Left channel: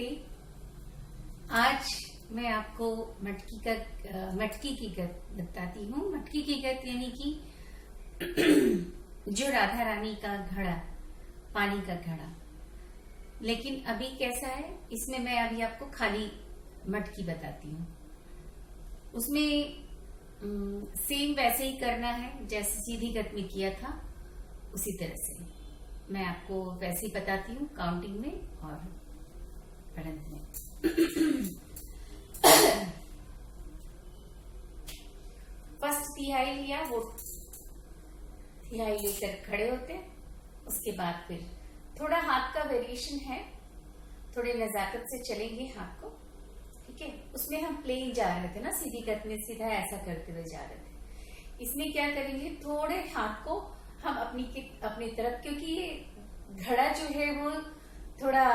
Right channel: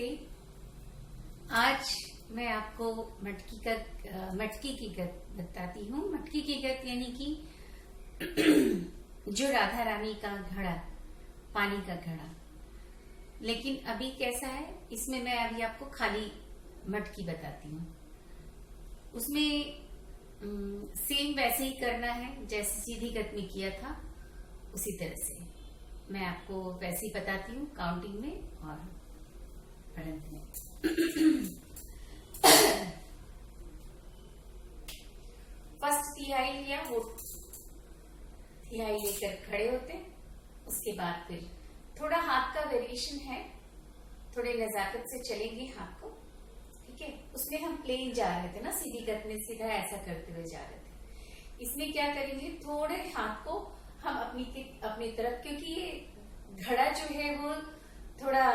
नमस्ते। आज मैं आपको मटकी की गत बताती हूँ। मटकी की गत यानी कि जो राधा रानी का घड़ा, पानी का घड़ा। लेकिन अभी कैसा है, इसमें मैं अभी आपको खाली मटकी बताती हूँ। उसमें सेम वैसे ही करना है जैसे सीधी गत में किया था, उसी तरह से मैं आपको वैसे ही बताती हूँ, काउंटिंग में और पढ़ंत में। फर्स्ट तिहाई लिया, वो तिहाई लेकर खड़े होते हैं। उसके बाद फिर थोड़ा हाथ का वेरिएशन है, थोड़े नजाकत से चलेंगे हाथ को, ठीक है। उसमें हम प्लेन जा रहे थे ना, सीधी गत में सीधा ऐसा करते हुए जा रहे थे। इसमें क्या करेंगे, थोड़े हाथ को हम अपनी तरफ, क्योंकि ये घड़ा जो है वो थोड़ा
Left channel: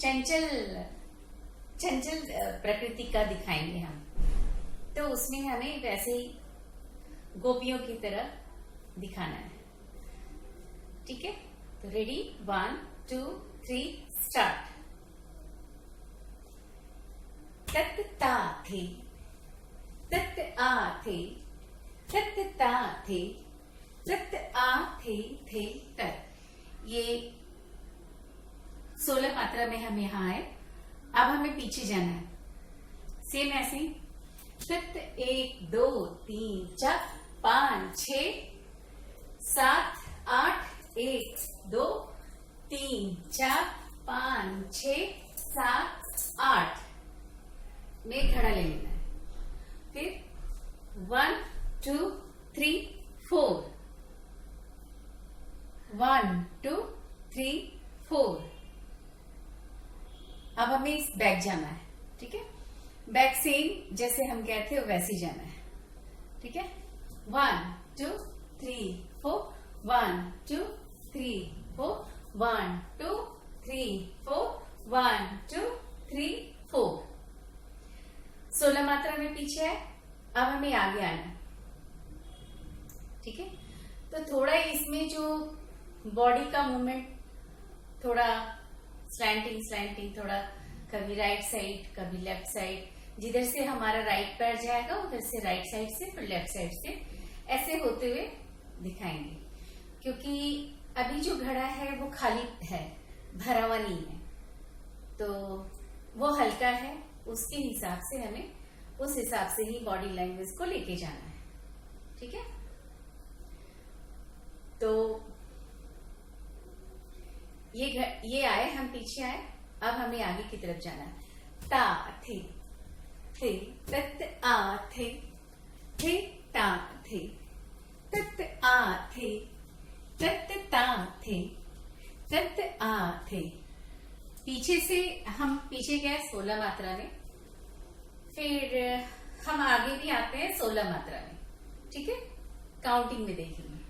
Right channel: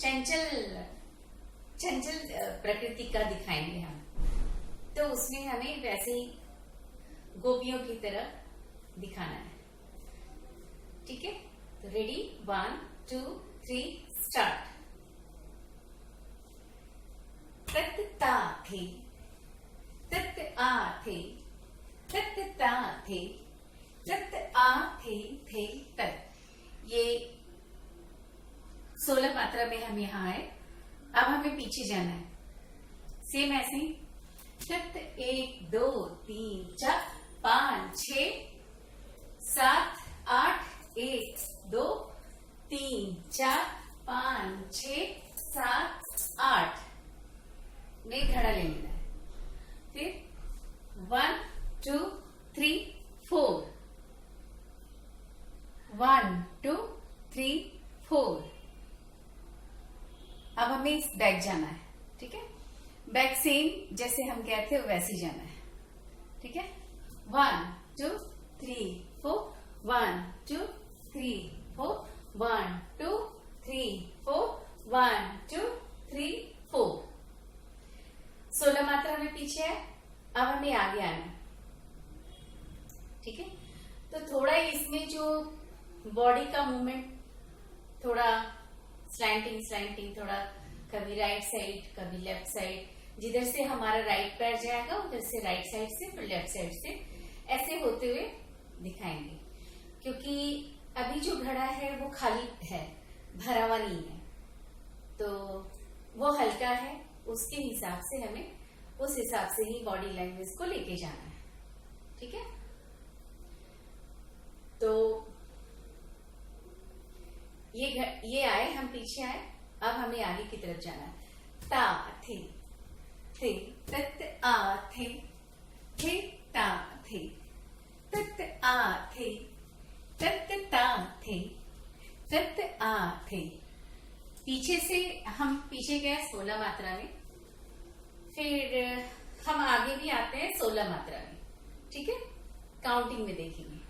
चंचल प्रकृति का दिखाएंगे हम, तो उसमें हमें वैसे ही गोपियों की तरह दिखाना है, ठीक है। तो रेडी, 1 2 3 स्टार्ट। तत ता थे, तत आ थे, तत ता थे, तत आ थे तत। ये 16 मात्रा में हम यहाँ आए। अब हमें पीछे जाना है, सेम ऐसे ही। तत 1 2 3 4 5 6 7 8 1 2 3 4 5 6 7 8 में घड़ा ले लेना है। फिर 1 2 3 4, 1 2 3 4। अब हमें इस बैक जाना है, ठीक है। बैक सेम जैसे हम गए थे वैसे ही जाना है, ठीक है। 1 2 3 4, 1 2 3 4, 1 2 3 4, 1 2 3 4। 16 मात्रा में पीछे है। अब हमें आगे आना है, ठीक है। तो थोड़ा इसमें जो बॉडी का मूवमेंट, थोड़ा स्लैंटिंग, थोड़ा कभी राइट साइड कभी लेफ्ट साइड, जिधर से हमारा राइट पैर जाएगा उधर से राइट साइड से, फिर लेफ्ट साइड से, ऐसे होते हुए दिखाएंगे। क्योंकि अभी जो घड़ा है वो खाली है, भरा हुआ नहीं है, तो वो हल्का है। उसके हिसाब से हमें उस हिसाब से ही बॉडी लैंग्वेज को लेके जाना है, ठीक है। तो ये आए, हम पीछे आए। अब हमें आगे की तरफ जाना है। ता थे, तत आ थे ता थे, तत आ थे, तत ता थे, तत आ थे। पीछे से हम पीछे गए 16 मात्रा में, फिर हम आगे भी आते हैं 16 मात्रा में, ठीक है। काउंटिंग में देखेंगे।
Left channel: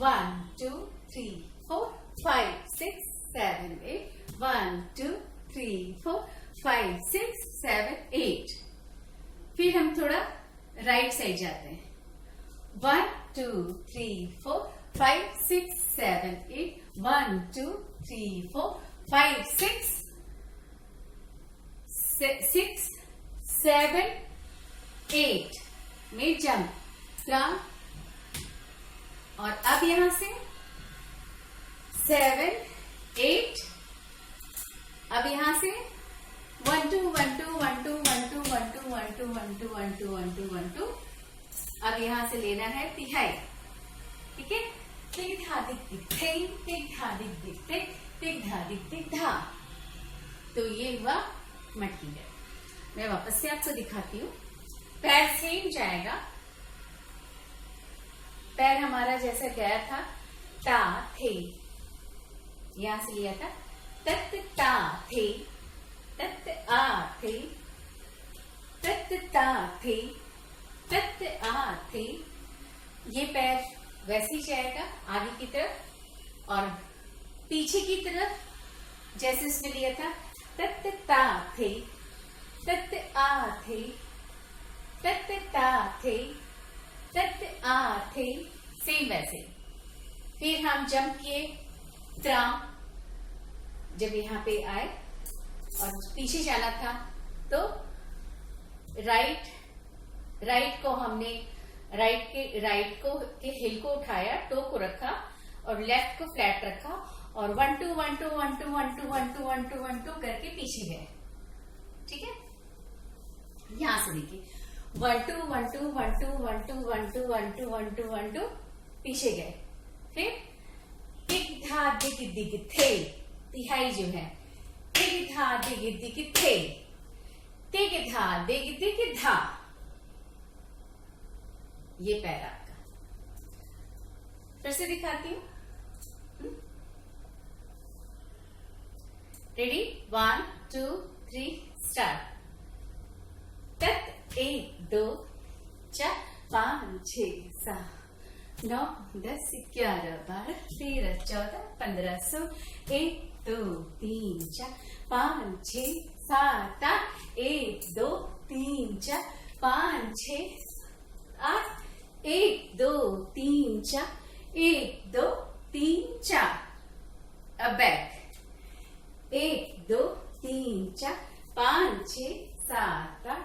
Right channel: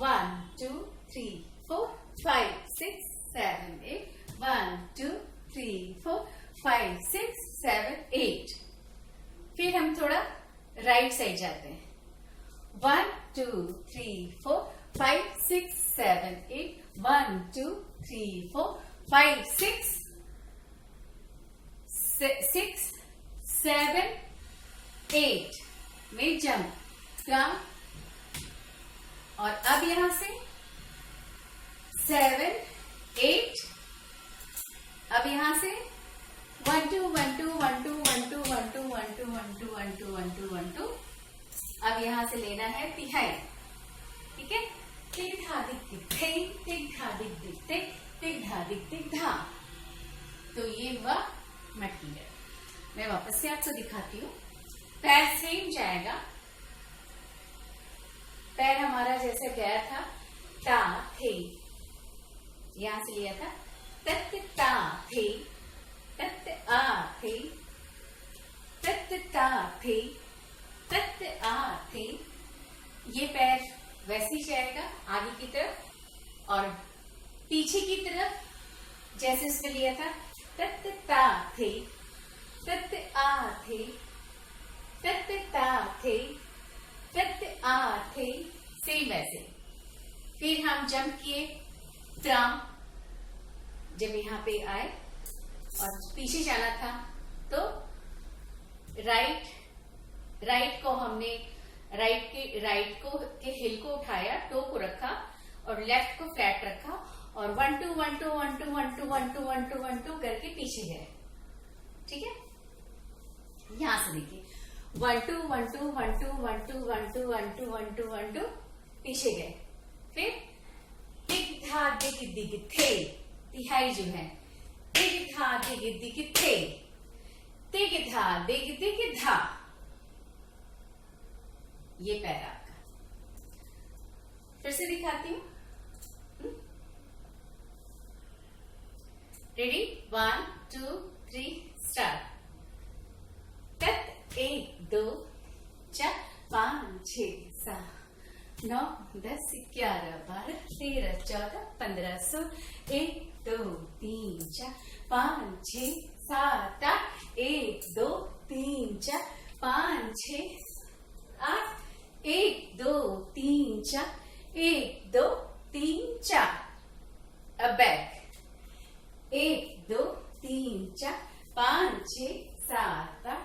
1 2 3 4 5 6 7 8, 1 2 3 4 5 6 7 8। फिर हम थोड़ा राइट साइड जाते हैं। 1 2 3 4 5 6 7 8, 1 2 3 4 5 6 7 8 में जंप क्रम। और अब यहां से 7 8, अब यहां से 1 2 1 2 1 2 1 2 1 2 1 2 1 2 1 2 1 2 1 2। अब यहां से लेना है तिहाई, ठीक है। टिक धा दिक दिक थे, टिक धा दिक दिक थे, टिक धा दिक दिक धा। तो ये हुआ मटकी है। मैं वापस से आपको दिखाती हूँ। पैर सेम जाएगा, पैर हमारा जैसा गया था, ता थे, यहां से लिया था। तत ता थे, तत आ थे, तत ता थे, तत आ थे। ये पैर वैसे ही जाएगा आगे की तरफ, और पीछे की तरफ जैसे इसमें लिया था। तत ता थे, तत आ थे, तत ता थे, तत आ थे, सेम वैसे। फिर हम जंप किए त्राम, जब यहाँ पे आए और पीछे जाना था तो राइट को हमने राइट को के हिल को उठाया, टो को रखा और लेफ्ट को फ्लैट रखा और 1 2 1 2 1 2 1 2 1 2 1 2 1 2 करके पीछे गए। ठीक है, यहां से देखिए 1 2 1 2 1 2 1 2 1 2 1 2 1 2 1 2 पीछे गए। फिर दिग धा दिग दिग थे, तिहाई जो है, दिग धा दिग दिग थे, दिग धा दिग दिग धा। ये पैर आपका। फिर से दिखाती हूं। Ready, 1 2 3 start. तत 1 2 4 5 6 7 9 10 11 12 13 14 15 16 1 2 3 4 5 6 7 8 1 2 3 4 5 6 8 1 2 3 4 1 2 3 4। अब बैक 1 2 3 4 5 6 7 8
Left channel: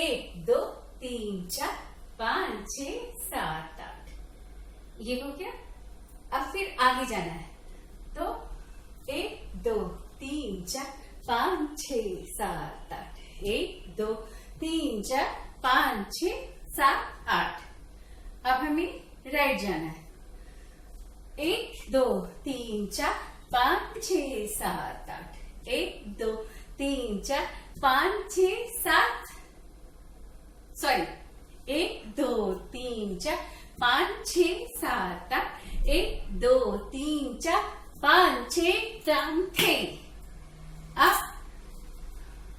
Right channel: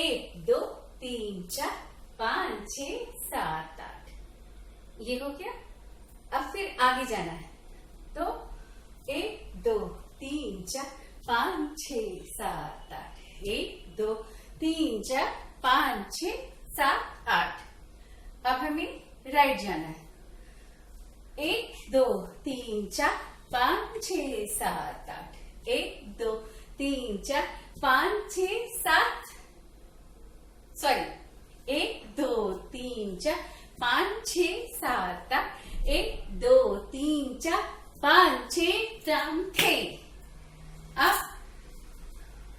1 2 3 4 5 6 7 8। ये हो गया। अब फिर आगे जाना है तो 1 2 3 4 5 6 7 8 1 2 3 4 5 6 7 8। अब हमें राइट जाना है। 1 2 3 4 5 6 7 8 1 2 3 4 5 6 7 सॉरी 1 2 3 4 5 6 7 8 1 2 3 4 5 6 7 थे। अब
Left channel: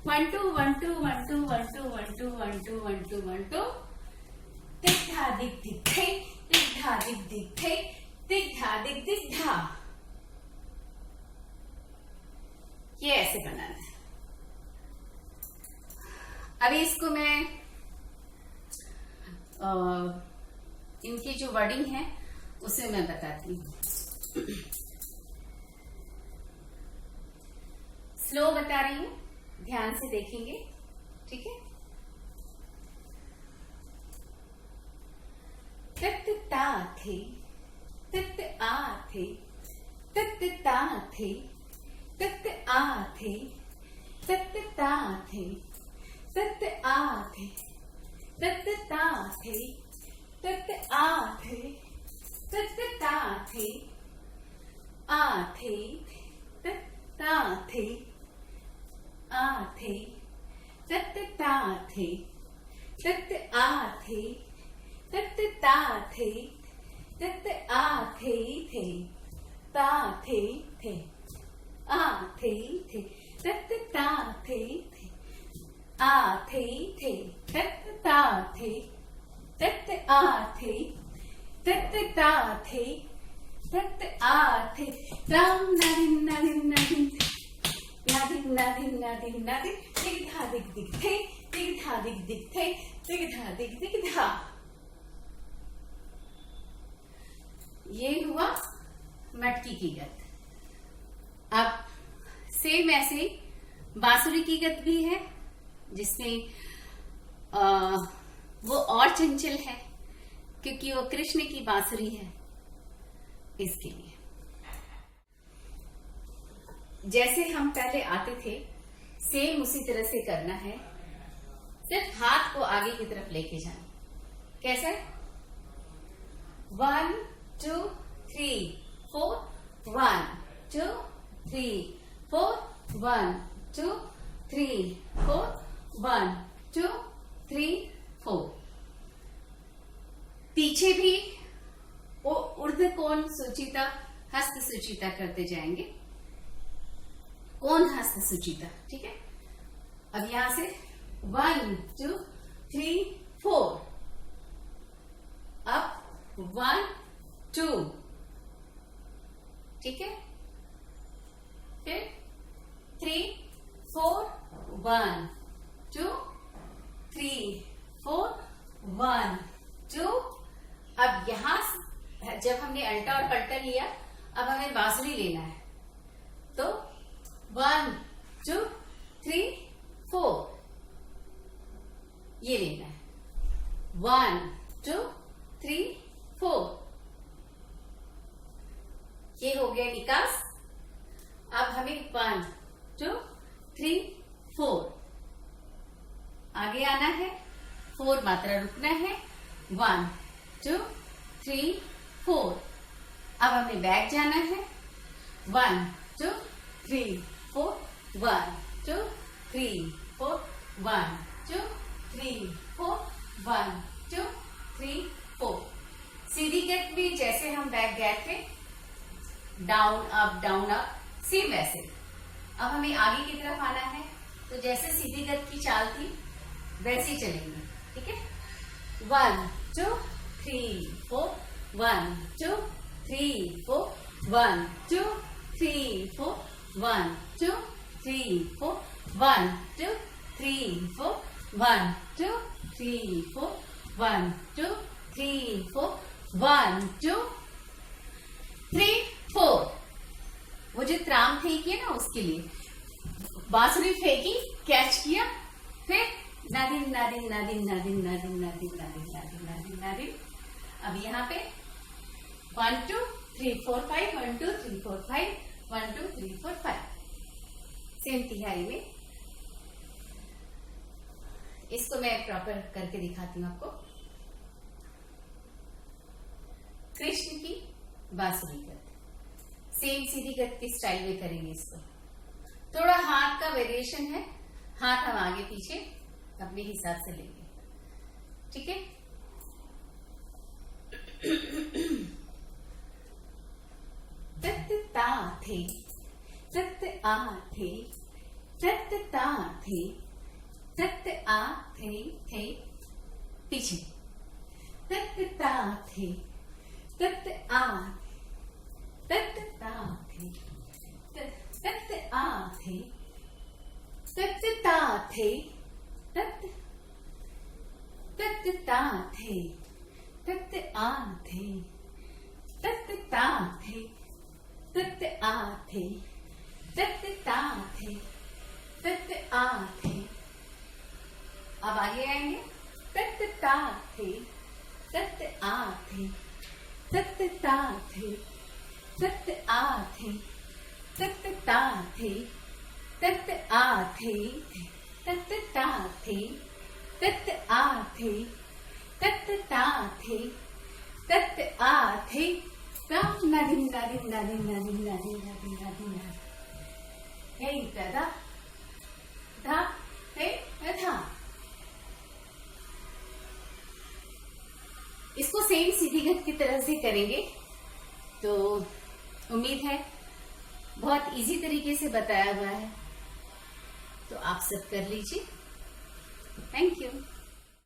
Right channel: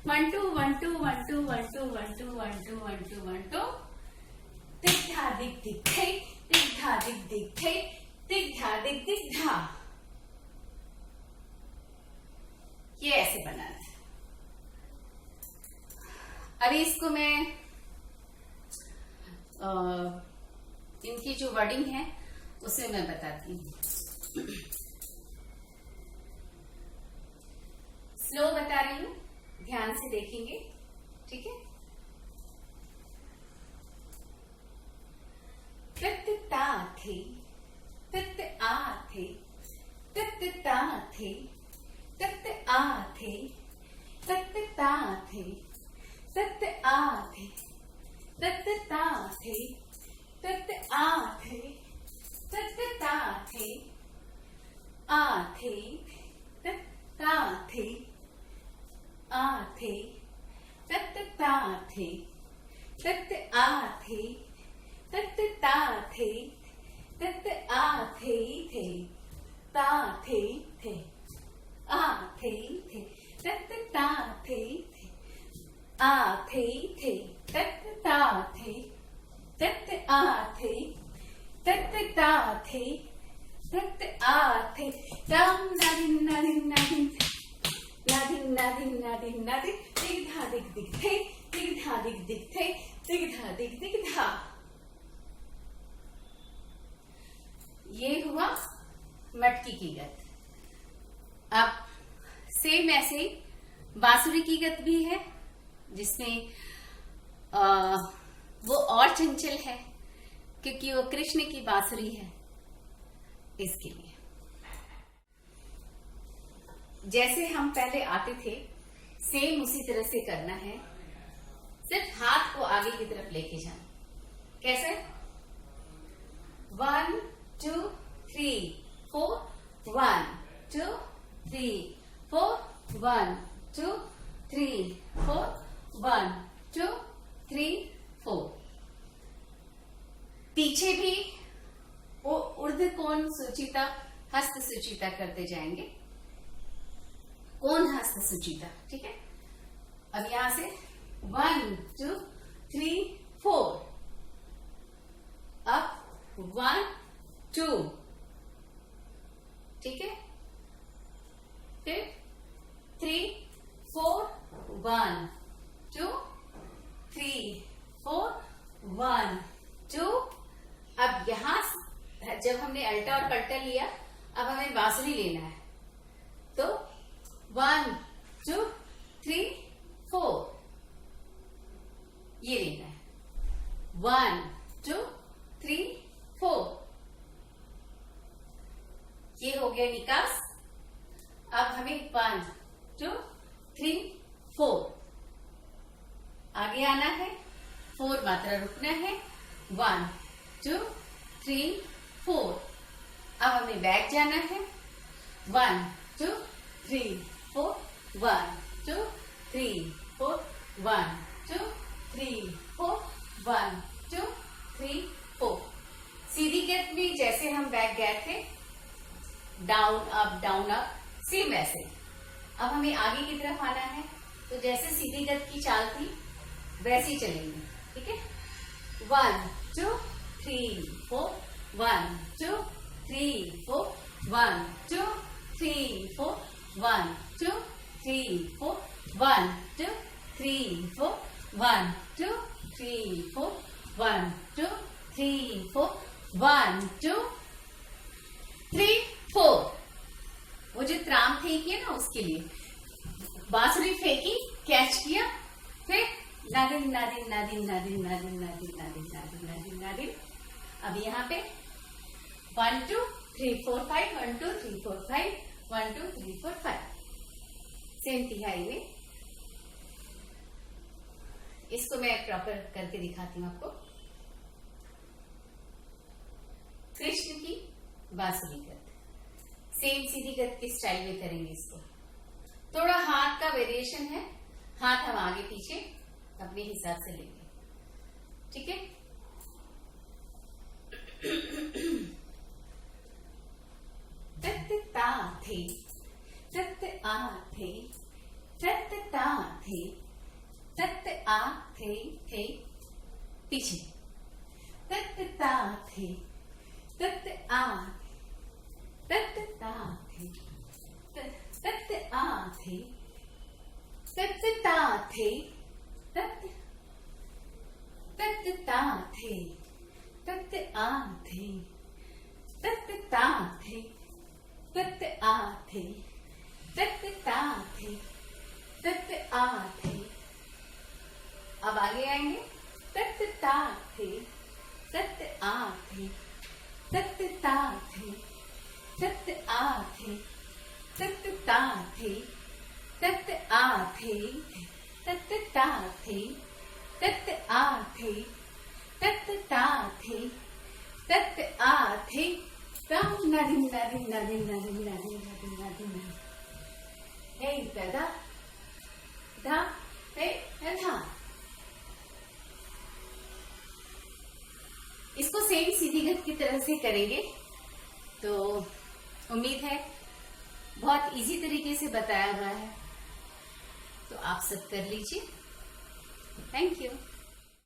1 2 1 2 1 2 1 2 1 2 1 2 1 2 1 2 दिग धा दिग दिग थे, दिग धा दिग दिग थे, दिग धा दिग दिग धा। ये ऐसे बनाना है। अभी इसको मैं इनकी जो वर्डिंग है उसे मैं बताती हूँ। स्लो बता रही हूँ, ध्यान से देखेंगे। ठीक है, तत ता थे, तत आ थे, तत ता थे, तत आ थे, तत ता थे, तत आ थे, तत ता थे, तत आ थे, तत ता थे, आ थे, तत ता थे, आ थे, तत ता थे, तत आ थे, तत ता थे, तत आ थे थे, ता थे थे, आ थे थे, तत ता थे थे, आ थे थे, तत ता थे, तत आ थे, तत ता थे, तत आ थे। राम नादिन नादिन नादिन नादिन नादिन नादिन नादिन दिग धा दिग दिग थे, दिग धा दिग दिग थे, दिग धा दिग दिग धा। ये हुआ मटकी की गत। अब सेम ऐसे बांसुरी की गत भी है जिसमें वो और चंचल है क्योंकि वो कृष्ण की बांसुरी है। इसके लिए जैसे हम पहले आते थे सेम उसी तरह से करना है, सिर्फ हाथ को आगे की तरफ लेके जाना। कैसे? 1 2 3 4 1 2 3 4 1 2 3 4 1 2 3 4। पीछे भी वो ऊर्ध्व कोण सुचिता हस्त सुचिता करते जाएंगे। कोण हस्त सुचिता, ठीक है। अब यहां से 1 2 3 4, अब 1 2, ठीक है। फिर 3 4 1 2 3 4 1 2। अब यहां जब हमने अल्टा और पल्टा लिया, अब हमें बांसुरी लेना है तो 1 2 3 4, ये लेना है 1 2 3 4, ये हो गया निकास। अब हमें 1 2 3 4 आगे आना है, 4 मात्रा रुकना है, 1 2 3 4। अब हमें बैक जाना है, 1 2 3 4 1 2 3 4 1 2 3 4 1 2 3 4। सीधी गत में जैसे हम बैक गए थे, डाउन अप सेम वैसे। अब हमें आगे की तरफ आना है, तो जैसे सीधी गत की चाल थी वैसे ही चलेंगे, ठीक है। 1 2 3 4 1 2 3 4 1 2 3 4 1 2 3 4 1 2 3 4 1 2 3 4 1 2 3 4 1 2 3 4। वो जो त्राम फेंकी है ना, उसके लिए बांसुरी फेंकी, कैच किया, फिर नादिन नादिन नादिन नादिन नादिन नादिन नादिन नादिन नादिन नादिन। अब यहाँ पे 1 2 3 4 5 1 2 3 4 5 1 2 3 4 5, सेम तिहाई में। इसको मैं प्रॉपर करके दिखाती हूँ आपको। कृष्ण की बांसुरी गत, सेम सीधी गत की स्टाइल में करेंगे इसको। थोड़ा हाथ का वेरिएशन है, हाथ हम आगे पीछे अपने हिसाब से लेंगे, ठीक है। तत ता थे तत आ थे तत ता थे तत आ थे पीछे, तत ता थे तत आ तत ता थे तत आ थे तत ता थे तत ता थे तत आ थे तत ता थे तत आ थे तत ता थे तत आ थे। अब आगे आएंगे, तत ता थे तत आ थे तत ता थे तत आ थे तत ता थे तत आ थे तत ता थे तत आ थे तत ता थे तत आ थे। राम नादिन नादिन नादिन नादिन नादिन नादिन नादिन नादिन, हे गदा धा हे धा। इसको सेम सीधी गत की तरह से करेंगे, तो उम्मीद है बहुत इजी तरीके से बताया हुआ है, तो आप सब कर लीजिए। Thank you.